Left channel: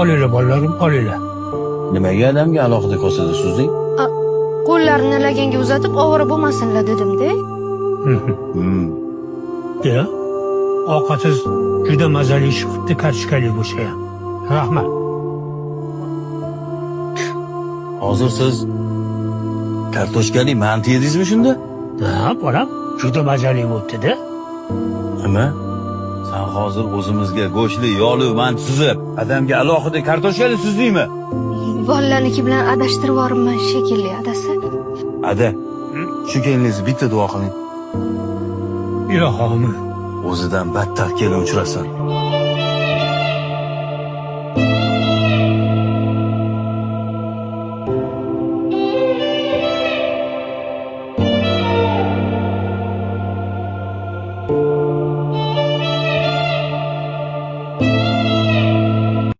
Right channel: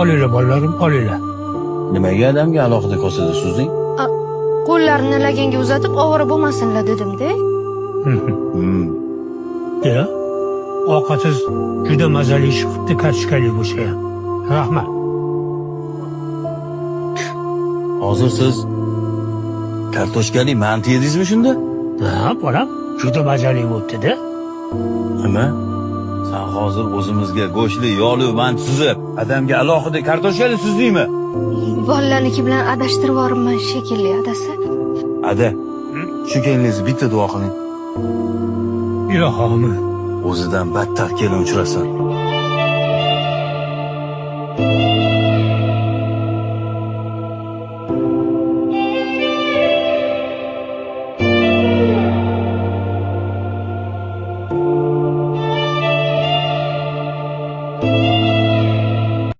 Olinglar bolalarim, olinglar. Nimaga adamga alohida kosada suzding? Qo'llarini laganga uzatib ovora bo'lmasinlar dedim-da. Ya, ovqatsiz juda mazali chiqibdi kartoshkali bo'lsa ham. Rahmat. Hozir siz kartoshkali manti yedingizmi shunda? Ha, bolam, juda mazali bo'libdi-da. Nima? Sen hozir o'zimizga go'shtli, yog'li manti suzib, adamga alohida kartoshkali suzdingmi? Bolalarniki bilan adashtirib yuboribman shekilli adasi. Ada, shu kelingizni bitta duo qiling. Ilohim. O'zidan battar kelin uchrasin.